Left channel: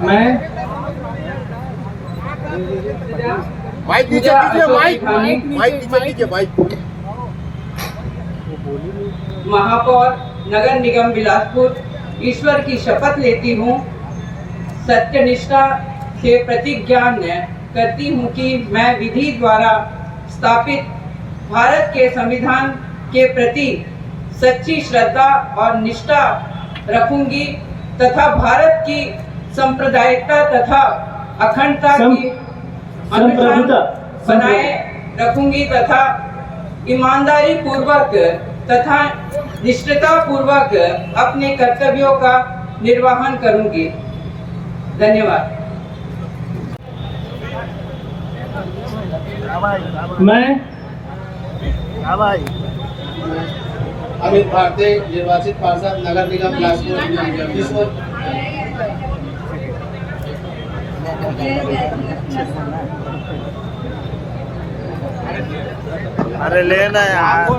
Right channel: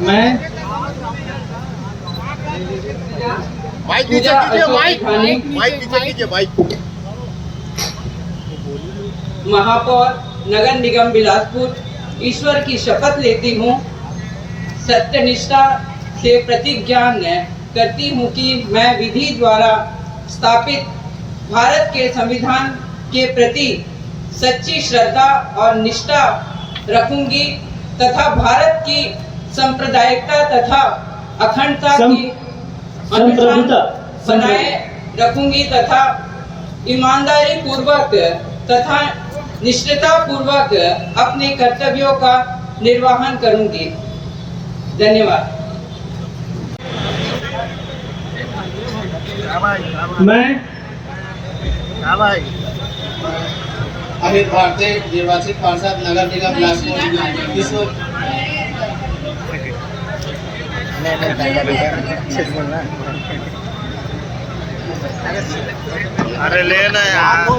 मैं महापौर नगर निगम बिलासपुर ईश्वर की शपथ लेती हूँ, सत्यनिष्ठा से प्रतिज्ञा करती हूँ कि मैं विधि द्वारा स्थापित भारत के संविधान के प्रति सच्ची श्रद्धा और निष्ठा रखूंगी तथा भारत की सांप्रदायिकता तथा अखंडता की अनुष्ठान बनाए रखूंगी तथा ईमानदारी पूर्वक तथा निष्ठता पूर्वक अपने कर्तव्यों का निर्वहन करूंगी। धन्यवाद। मैं अमित भारती, निर्वाचित पार्षद नगर निगम बिलासपुर। अरे लेना यार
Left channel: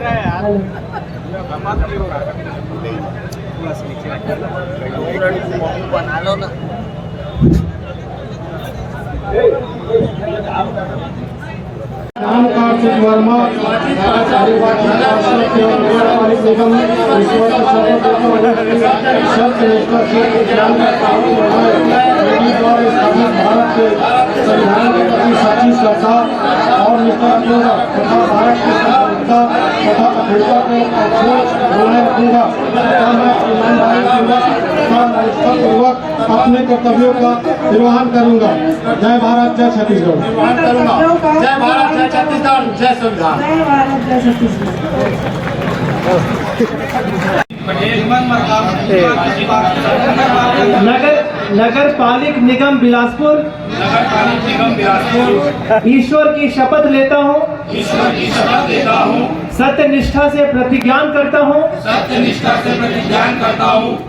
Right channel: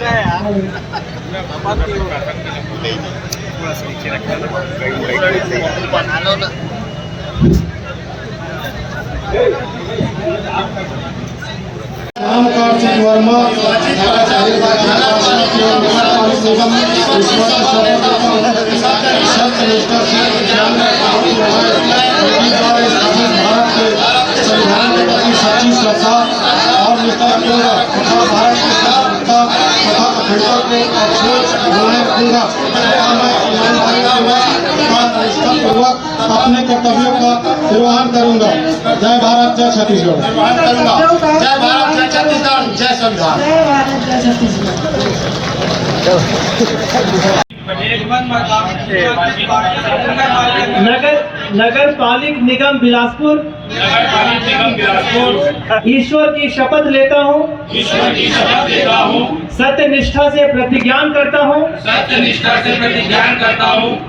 बना लो ना। रामकांत सिंह वर्मा सत्यनिष्ठा से भारत के संविधान के प्रति सच्ची श्रद्धा और निष्ठा तथा भारत की सांप्रदायिकता तथा अखंडता को बनाए रखूंगा निष्ठापूर्वक अपने कर्तव्यों का निर्वहन करूंगा। जय भारत, जय छत्तीसगढ़। जय भारत, जय छत्तीसगढ़, जय संविधान। जय भारत, जय छत्तीसगढ़। नगर पालिक निगम बिलासपुर ईश्वर की शपथ लेता हूँ सत्यनिष्ठा से प्रतिज्ञान करता हूँ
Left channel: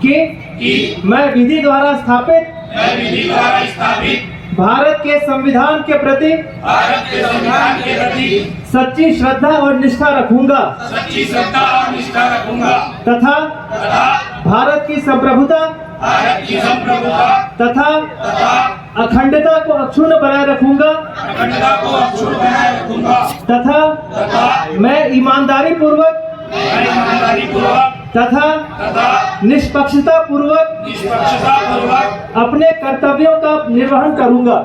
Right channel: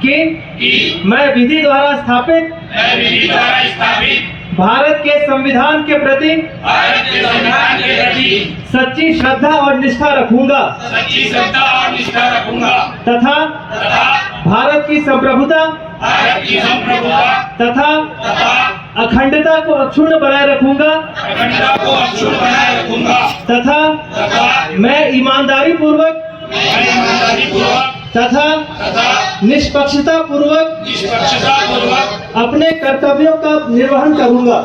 कि मैं विधि द्वारा स्थापित भारत के संविधान के प्रति सच्ची श्रद्धा और निष्ठा रखूंगा तथा भारत की संप्रभुता तथा अखंडता को अक्षुण्ण बनाए रखूंगा तथा मैं ईमानदारी पूर्वक तथा निष्पक्षता पूर्वक अपने कर्तव्यों का निर्वहन करूंगा।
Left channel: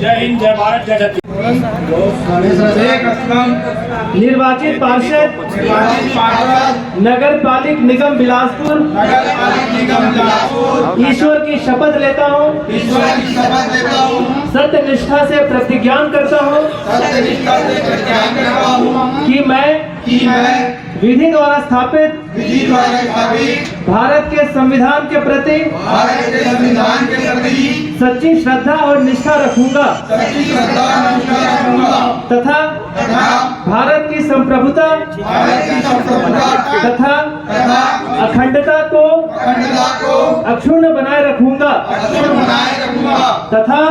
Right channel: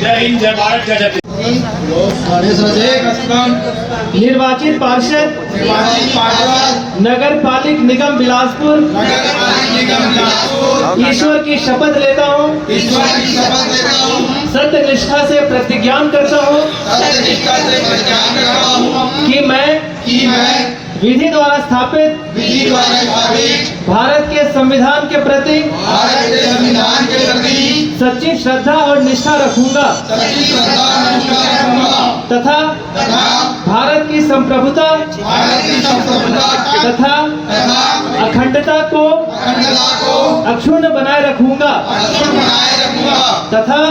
जय हिंद, जय भारत, जय छत्तीसगढ़। निर्वाचित पार्षद नगर पालिक निगम बिलासपुर ईश्वर की शपथ लेता हूँ सत्यनिष्ठा से प्रतिज्ञान करता हूँ कि मैं विधि द्वारा स्थापित भारत के संविधान के प्रति सच्ची श्रद्धा और निष्ठा रखूंगा तथा भारत की संप्रभुता तथा अखंडता को अक्षुण्ण बनाए रखूंगा तथा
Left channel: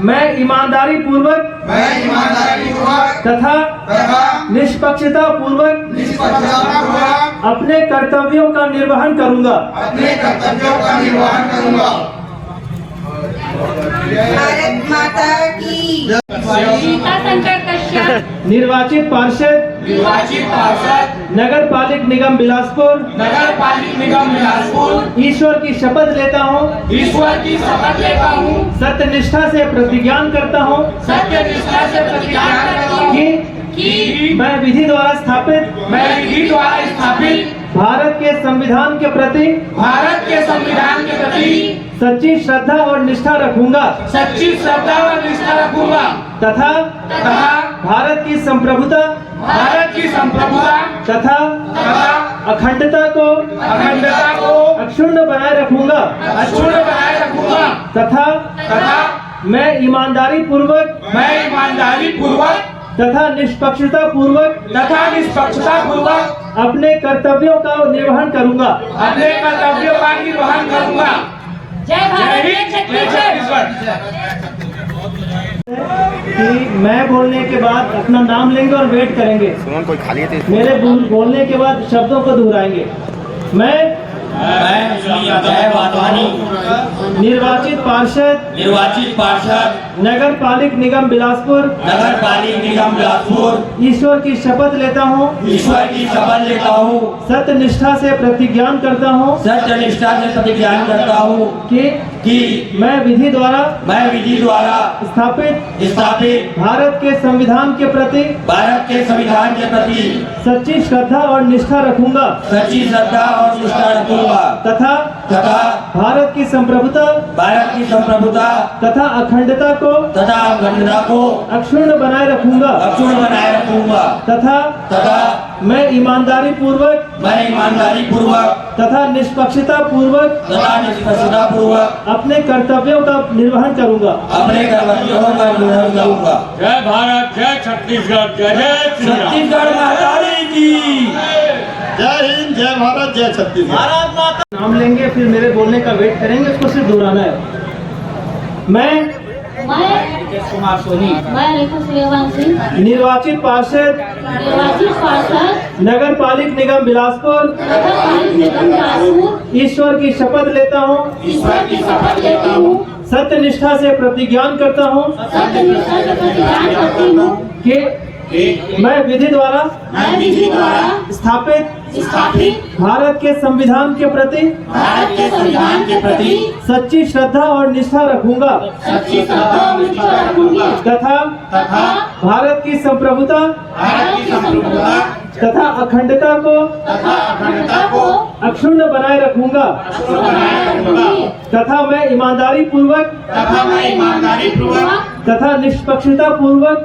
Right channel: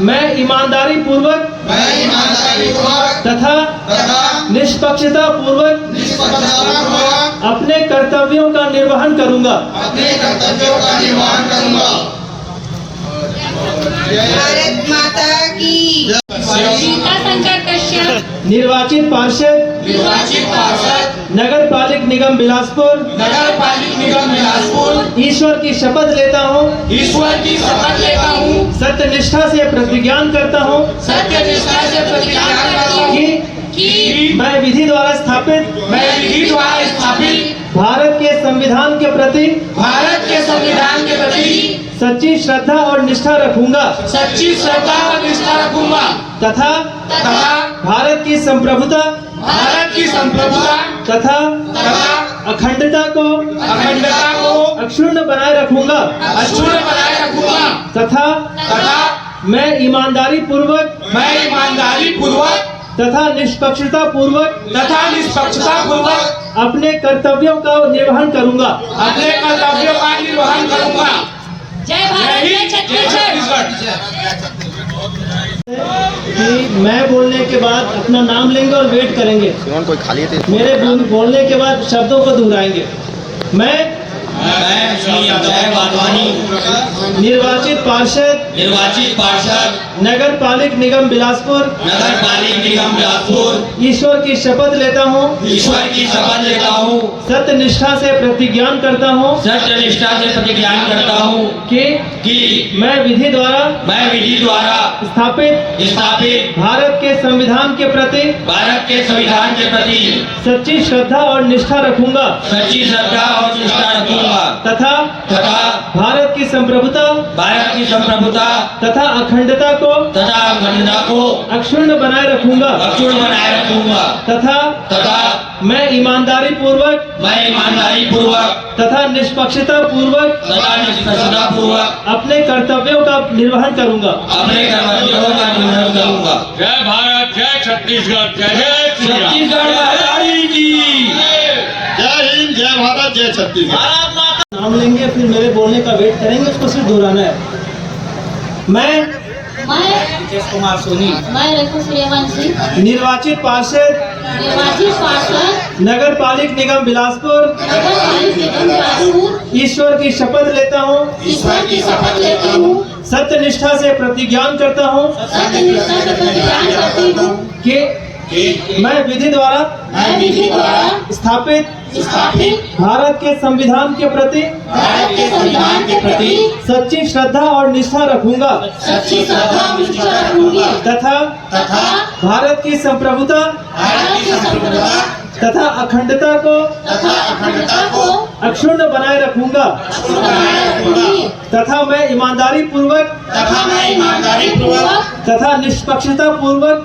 मैं ईमानदारी पूर्वक तथा निष्पक्षता पूर्वक अपने कर्तव्यों का निर्वहन करूंगा। भारत माता की निर्वाचित पार्षद नगर पालिक निगम बिलासपुर ईश्वर की शपथ लेता हूँ सत्यनिष्ठा से प्रतिज्ञान करता हूँ कि मैं विधि द्वारा स्थापित भारत के संविधान के प्रति सच्ची श्रद्धा और निष्ठा रखूंगा तथा भारत की संप्रभुता तथा अखंडता को अक्षुण्ण बनाए रखूंगा तथा मैं ईमानदारी पूर्वक तथा निष्पक्षता पूर्वक अपने कर्तव्यों का निर्वहन करूंगा। जय भारत, जय छत्तीसगढ़। कि मैं बोलने के बाद अपना नाम लेंगे और वेट करेंगे। कोई खाली थे मेरे बोलने के बाद शब्दों को दोहराएंगे। मैं मैं श्री अजय वाधवानी निर्वाचित पार्षद नगर पालिक निगम बिलासपुर नगर पालिक निगम बिलासपुर ईश्वर की शपथ लेता हूँ सत्य निष्ठा से प्रतिज्ञान करता हूँ कि मैं विधि द्वारा स्थापित भारत के संविधान के प्रति सच्ची श्रद्धा और निष्ठा रखूंगा तथा भारत की संप्रभुता तथा अखंडता को अक्षुण्ण बनाए रखूंगा तथा मैं ईमानदारी पूर्वक तथा निष्पक्षता पूर्वक अपने कर्तव्यों का निर्वहन करूंगा। जय भारत, जय छत्तीसगढ़, जय जय छत्तीसगढ़ महाकाली की जय हिंद, जय भारत, जय छत्तीसगढ़। नाम लेंगे फिर मेरे बोलने का वेट करेंगे, उसको सिर्फ दोहराना है। मैं कुमार सोनी रेखा सूर्यवंशी निर्वाचित पार्षद नगर पालिक निगम बिलासपुर ईश्वर की शपथ लेता हूँ सत्य निष्ठा से प्रतिज्ञान करता हूँ कि मैं विधि द्वारा स्थापित भारत के संविधान के प्रति सच्ची श्रद्धा और निष्ठा रखूंगा तथा भारत की संप्रभुता तथा अखंडता को अक्षुण्ण बनाए रखूंगा तथा मैं ईमानदारी पूर्वक तथा निष्पक्षता पूर्वक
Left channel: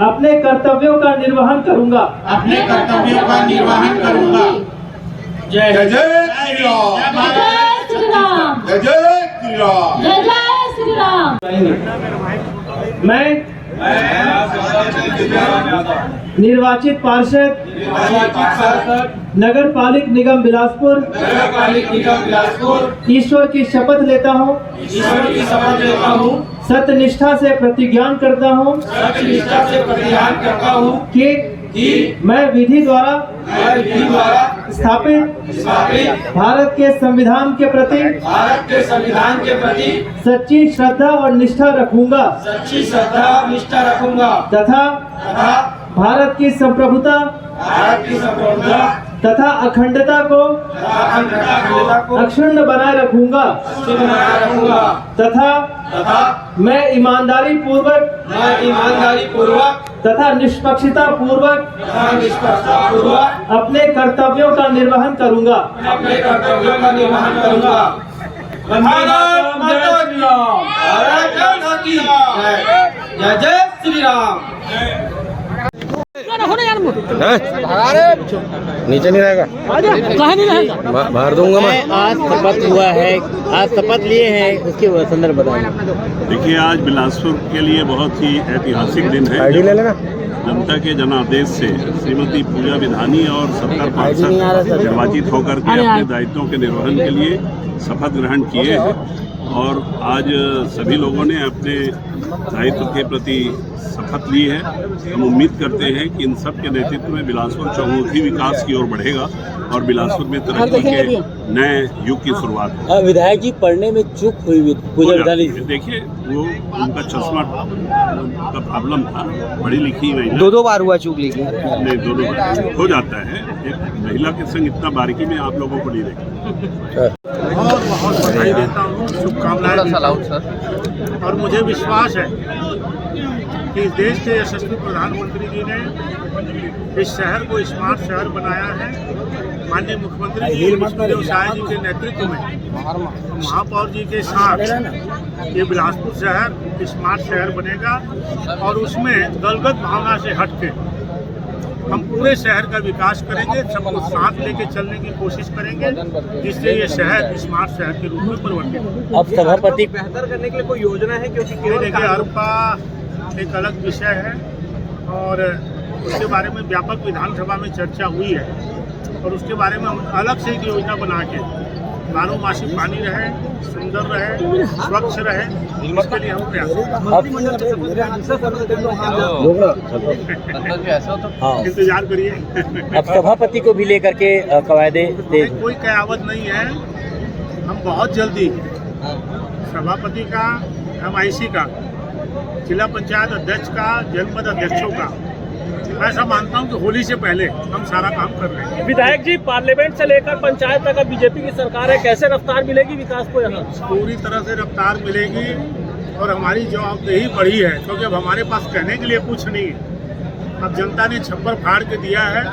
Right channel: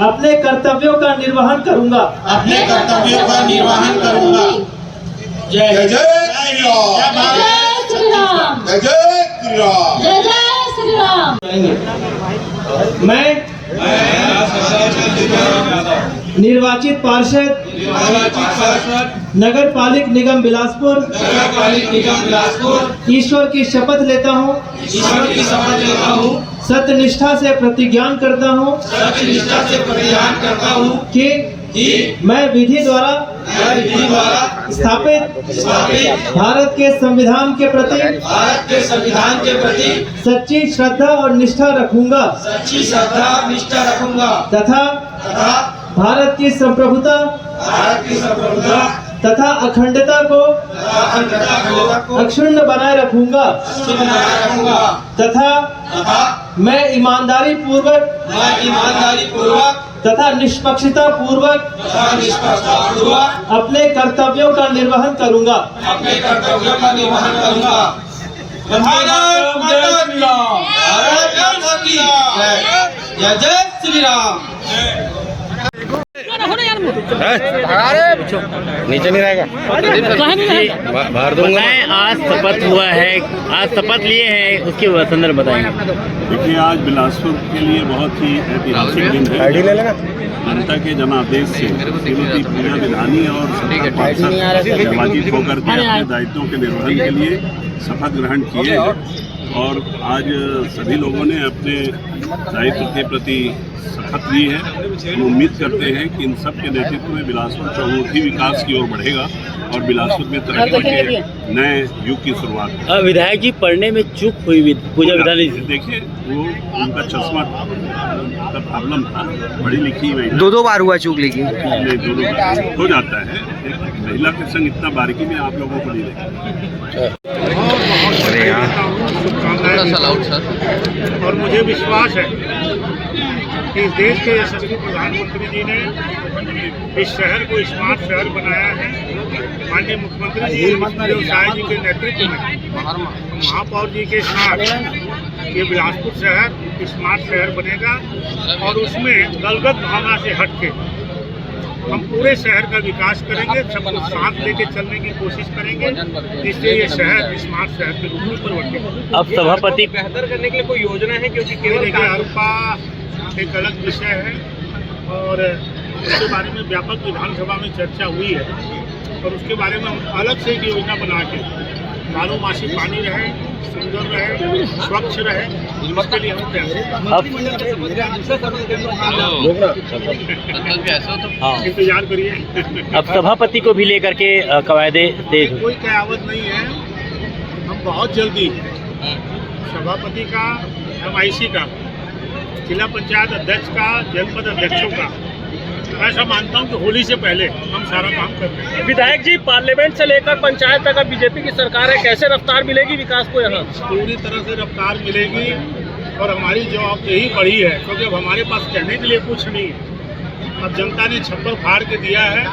अपने कर्तव्यों का निर्वहन करूंगा। जय जय श्री राम, जय जय श्री राम। मैं निर्वाचित पार्षद नगर पालिक निगम बिलासपुर ईश्वर की शपथ लेता हूँ सत्य निष्ठा से प्रतिज्ञान करता हूँ कि मैं विधि द्वारा स्थापित भारत के संविधान के प्रति सच्ची श्रद्धा और निष्ठा रखूंगा तथा भारत की संप्रभुता तथा अखंडता को अक्षुण्ण बनाए रखूंगा तथा मैं ईमानदारी पूर्वक तथा निष्पक्षता पूर्वक अपने कर्तव्यों का निर्वहन करूंगा। जय जय श्री राम। नीचे नहीं रहेगा, बाहर दूंगा मैं। आज शपथ हुआ है, आज शपथ लिए हैं, उसके संदर्भ बताएंगे। देखिए, आज बिलासपुर के लिए बहुत ही ऐतिहासिक दिन है। जनता के जनादेश से श्रीमती पूजा विधानी और 70 पार्षद निर्वाचित होकर के अपने दायित्वों के निर्वहन के लिए शपथ ग्रहण किए हैं और आज सभी लोगों ने अपने दायित्व के प्रति शपथ ली है। हम उम्मीद करते हैं कि इन सब के नेतृत्व में बिलासपुर चहुमुखी विकास की ओर बढ़ेगा और बिलासपुर में तरक्की के नए युग की शुरुआत है। विधायक जी पढ़ने में चूक हुई पूजा विधानी। देखिए, वो उनका चश्मा का प्रॉब्लम था, पढ़ी लिखी महिला। दो बार हुआ चूक, लेकिन नहीं, 2 बार हो जाता है। एक महिला के संग इतना बारीकी में आप लोगों को नहीं देखा। बहुत बधाई देता हूँ, शुभकामनाएं। और मुझे विश्वास है कि इस देश के यशस्वी प्रधानमंत्री जी ने इस शहर को स्मार्ट शहर बनाया है। माननीय मुख्यमंत्री जी विष्णुदेव साय जी के नेतृत्व में महापौर जी के साथ ये बिलासपुर शहर स्मार्ट शहर बनेगा और उसमें दलगत भावना से हट के हम पूरे शहर का विकास करेंगे, सबको साथ लेके चलने की कोशिश करेंगे, जिससे ये शहर स्मार्ट शहर के रूप में परिवर्तित हो। अब सभापति बेहतर करने के लिए कोई योजना है? क्योंकि देखिए, अरपा एक अलग विषय है और उसके बारे में व्यापक विधानसभा में चर्चा हुई है और उसके बारे में हम अलग से एक योजना बना के बारोमासी पानी रहे, सुंदर रहे, स्वच्छ रहे, इसके लिए हम प्रयास हाँ इंतजार करिए। अब सभापति को भी लेकर के कवायदे तेज कोई कयावत नहीं है, हम बहुत जल्दी सभापति का, MIC का, जिला पंचायत अध्यक्ष का, जनपद अध्यक्षों का, मैं ऐसा मानता हूं कि होली से पहले हम सारा काम कर रहे हैं। विधायक जी, पार्लियामेंट से लेकर पंचायत तक बीजेपी की सरकार है, कैसे रफ्तार मिलेगी विकास को यहाँ? पूरी तरह से रफ्तार मिलेगी और हमारी जवाबदेही बढ़ी है, क्योंकि अब हमारे पास कहने के लिए कुछ नहीं है। अब जनता ने छप्पर फाड़ के दिया है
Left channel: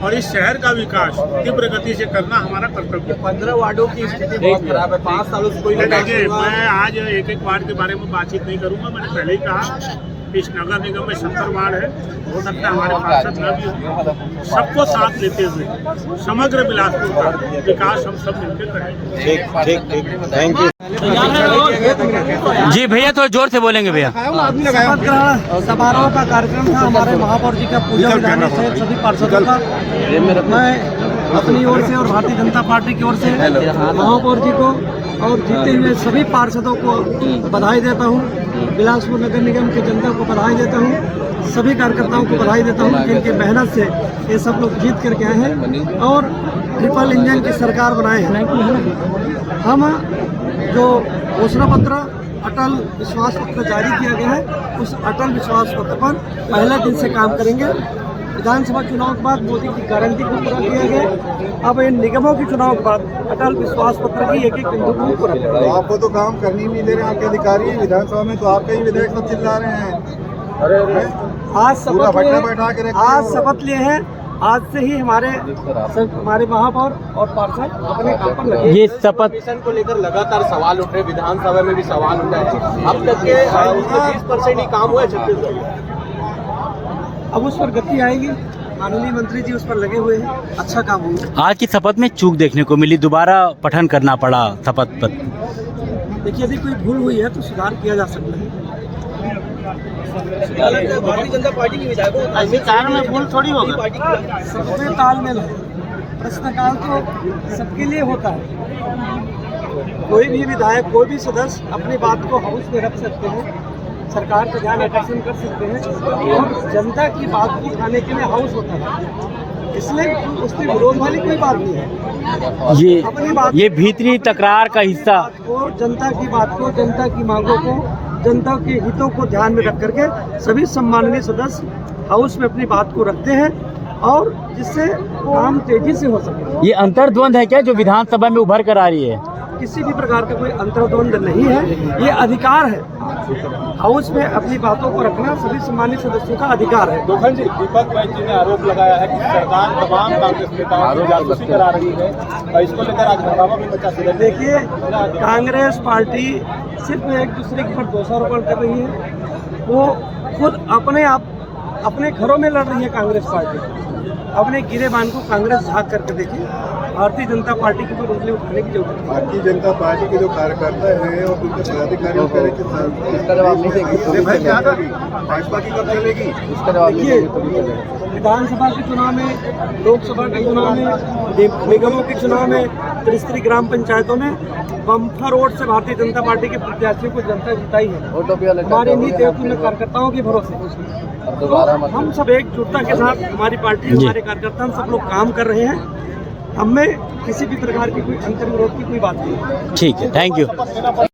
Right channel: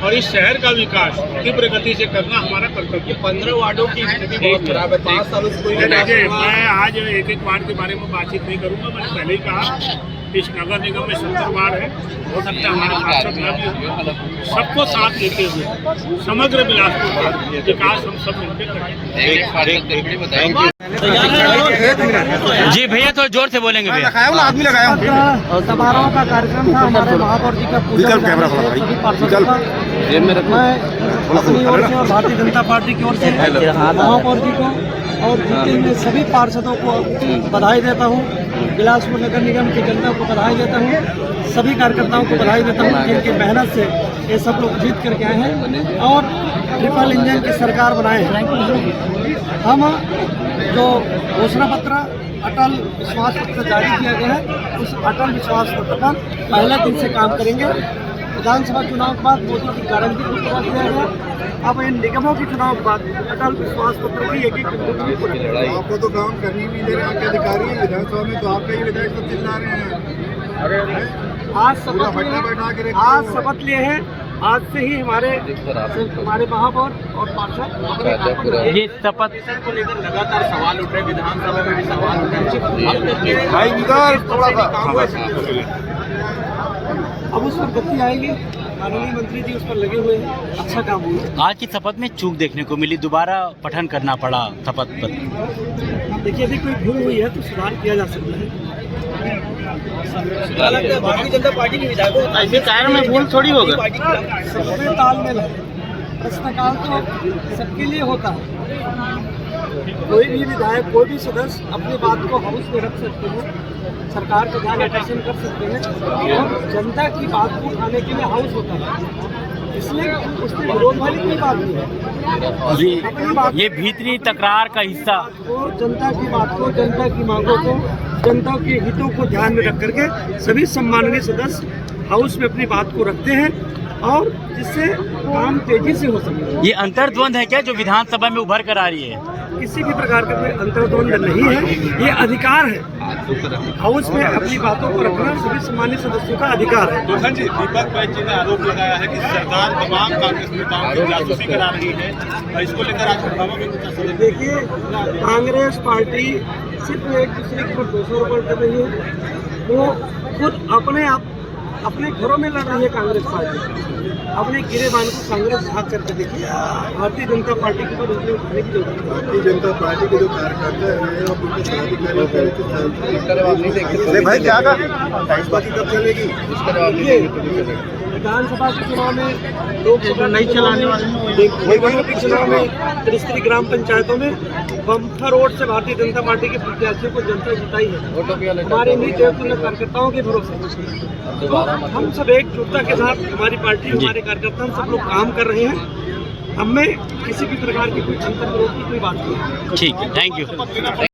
और इस शहर का विकास तीव्र गति से करना हमारा कर्तव्य है। 15 वार्डों की स्थिति बहुत खराब है, 5 सालों से कोई देखिए, मैं आज एक वार्ड के बारे में बातचीत नहीं करूंगा। मैंने पहले ही कहा, इस नगर निगम में 70 वार्ड है, हो सकता है हमारे पार्षद न भी हो। सबको साथ लेते हुए समग्र बिलासपुर का विकास हम सब मिलकर करें। जी भैया, थोड़ा जोर से बोलेंगे भैया। समारोह का कार्यक्रम था हमारे महापौर जी का पूजा सभी पार्षदों का। मैं अपनी ओर से और भारतीय जनता पार्टी की ओर से महापौर जी को और जीते हुए सभी पार्षदों को बधाई देता हूँ। बिलासपुर नगर निगम की जनता को बधाई देता हूँ, सभी कार्यकर्ताओं को बधाई देता हूँ जिनकी मेहनत से ये सब लोग जीत करके आए हैं और ट्रिपल इंजन की सरकार बनाए हैं। हम जो घोषणा पत्र अटल विश्वास पत्र जारी किया गया है, उस अटल विश्वास पत्र पर पहले दिन से काम करेंगे। विधानसभा चुनाव के बाद मोदी की गारंटी को पूरा किया गया। अब इन निगमों के चुनाव के बाद अटल विश्वास पत्र की एक बिंदु को पूरा किया। आपको तो काम करनी नहीं दे रहे आपके अधिकारी, विधानसभा में तो आपका ही विधेयक सब चिल्ला रहे हैं। आज शपथ लिए हैं, आज से ही हमारे महापौर और पार्षद अपने काम पर लगे। ये शपथ को लेकर लगातार सवाल उठ रहे, विधानसभा में भी सवाल उठ रहे। अब तक के काम हुआ, अब उस पर गति आएगी। माननीय मंत्री जी उस पर लगे हुए हैं, अच्छा काम हुआ। आज की शपथ में चूक देखने को मिली, दोबारा पठन करना पड़ा शपथ पत्र। देखिए, यदि कोई भूल हुई है तो सुधार किया जा सकता है। भारतीय जनता पार्टी के विधायकों ऐसे कारण में भूल थोड़ी होगा। सबसे तालमेल है, प्रश्नकाल तो सबके लिए होता है। कोई भी विधायक, कोई भी सदस्य अपनी बात को हाउस में रख सकते हैं, सरकार का ध्यान आकर्षण कर सकते हैं और जनता की बात को उठाने के लिए हाउस होता है, इसलिए उसमें विरोध वाली कोई बात नहीं है। अपनी बात, ये भीतरी तकरार का हिस्सा को, जनता की बात को, जनता की मांगों को, जनता के हितों को ध्यान में रख करके सभी सम्माननीय सदस्य हाउस में अपनी बात को रखते हैं और जिससे काम तेजी से हो सके। ये अंतर्द्वंद है क्या जो विधानसभा में उभर कर आ रही है? किसी भी प्रकार का कोई अंतर्द्वंद नहीं है, ये अधिकार है। हाउस में अपनी बातों को रखना सभी सम्मानित सदस्यों का अधिकार है। दोहन जी, दीपक बैज जी ने आरोप लगाया है कि सरकार तमाम कांग्रेस नेताओं की जासूसी करा रही है और इसको लेकर आज हंगामा भी मचा है। देखिए, कांग्रेस पार्टी सिर्फ एक दूसरे के ऊपर दोषारोपण कर रही है। वो खुद अपने घरों में लड़ रही है कांग्रेस पार्टी। अपने गिरेबान को कांग्रेस झाँक करके देखिए, भारतीय जनता पार्टी के ऊपर उंगली उठाने की जरूरत है। भारतीय जनता पार्टी के जो कार्यकर्ता है और उनके विधानसभा के चुनाव में, लोकसभा के चुनाव में, निगमों के चुनाव में, त्रिस्तरीय ग्राम पंचायतों में बम्पर वोट से भारतीय जनता पार्टी के प्रत्याशियों को जनता जिताई है, हमारे नीति कार्यकर्ताओं के भरोसे। तो हम सब एकजुटता के साथ, हमारी पार्टी, हमारे कार्यकर्ता, हम सब लोग काम कर रहे हैं। हमें किसी भी प्रकार की कोई अंतर्विरोध की कोई बात नहीं है। ठीक है, थैंक यू।